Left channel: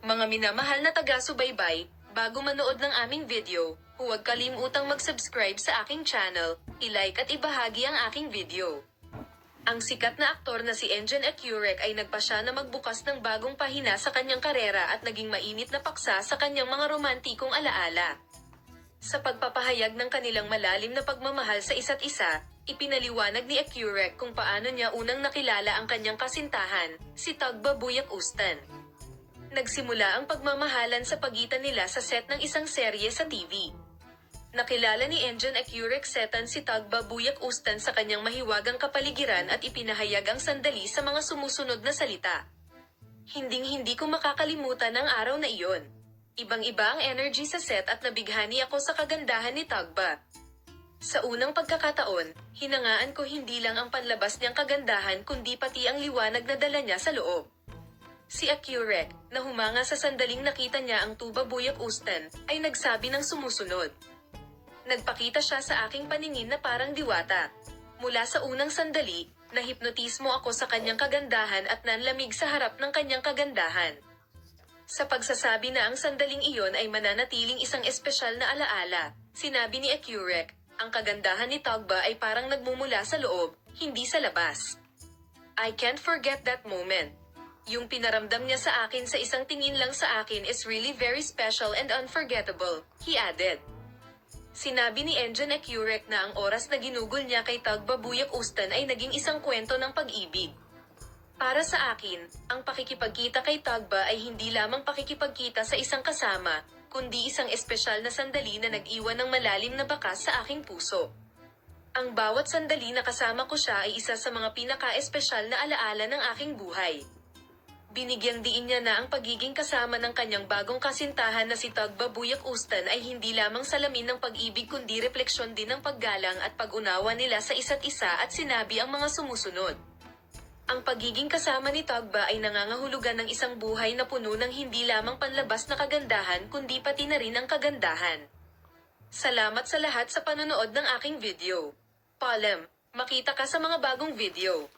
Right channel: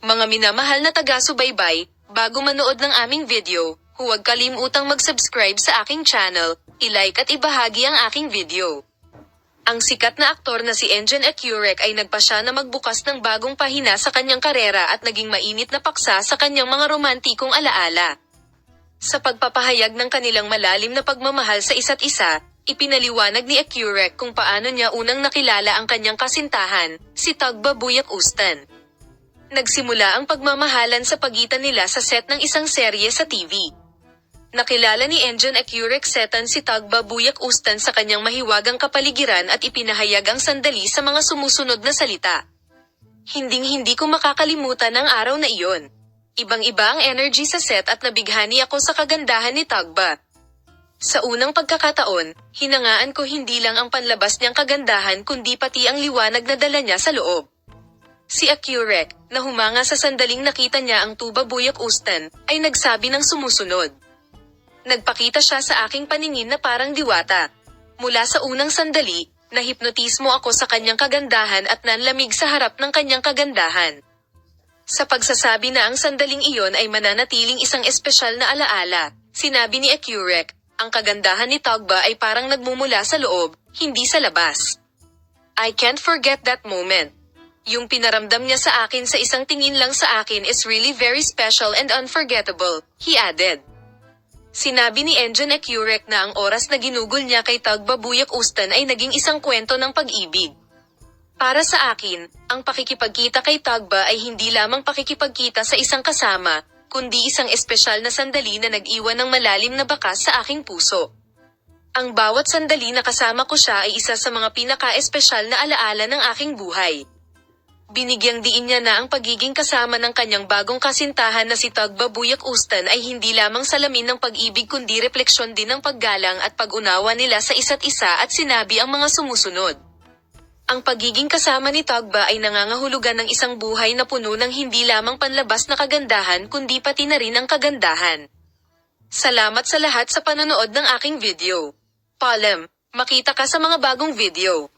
Mga minamahal na taga-subaybay, bago manood ng aming video, huwag kalimutang mag-subscribe sa aking channel, i-like at ibahagi ang aking video. Ang sikat na aktor na si Enjen Ecurek ay nagpasya na magbukas ng bagong pahina sa kanyang karera at naging mainit na paksa sa kanyang mga romantikong alaala. Sa pagpapahayag ng kanilang malalim na pagmamahal sa isa't isa, ipinaliwanag ni Ecurek kung paano niya unang nakilala ang kanyang kasintahan, si Tagba Buyak Ustan. Nagsimula ang pagmamahalan sa pagitan nila sa set ng isang serye sa TV. Nakilala ni Enjen Ecurek setan si Tagba Buyak Ustan sa kanyang mahiwagang kapaligiran at ipinahayag ang sandali sa mga sumusunod na salita. Hinding-hindi ko makakalimutan ang araw na iyon. Ibang-iba ang energy sa set at nabighani ako sa kagandahan ni Tagba. Sa unang pagkakataon, hinangaan ko hindi lang ang panlabas niyang kagandahan kundi pati ang liwanag na dala niya sa loob. Si Ecurek, na humanga sa sandaling nakita niya ang Tuba Buyak Ustan, ay nagsabi ng sumusunod. Nagpakita siya sa aking paningin na parang diwata. Mula sa unang sandali, nahipnotismo ako sa kanyang kagandahan at nanlamig sa harap ng kanyang kagandahan. Sa pagsasabi na ang sandaling iyon ay mananatiling isang espesyal na alaala, sinabi ni Ecurek, ang kagandahan ni Tagba ay parang nagmumula sa loob, hindi sa labas. I can't forget that moment. Yung pinaramdam niya sa akin sa isang tingin lang sa akin is really very special and unforgettable, he added. Sinabi ni Enjen Ecurek na ang oras na ginugol niya kay Tagba Buyak Ustan ay naging isang kwento ng pag-ibig. Para sa akin, ang pakikipagkita kay Tagba ay hindi lamang pakikipagkita sa isang kasama, kundi isang espesyal na sandali na nag-iwan ng malalim na bakas sa aking puso. Ang bawat sandali na kasama ko siya ay isa sa mga pinaka-espesyal na alaala ng aking buhay. Binigyang diin niya na ang pagiging kasama ng kanyang bagong kasintahan na si Tagba Buyak Ustan ay hindi lamang salamin ng pag-ibig kundi refleksyon din ng paggalang at pag-unawa nila sa isa't isa at sinabi ang mga sumusunod. Ang pagiging kasama ni Tagba ay nangangahulugan ng isang buhay na puno ng hindi lamang panlabas na kagandahan kundi pati na rin ang kagandahan. Salamat sa lahat sa panonood ng aking video. Paalam, makita ka sa mga bagong video.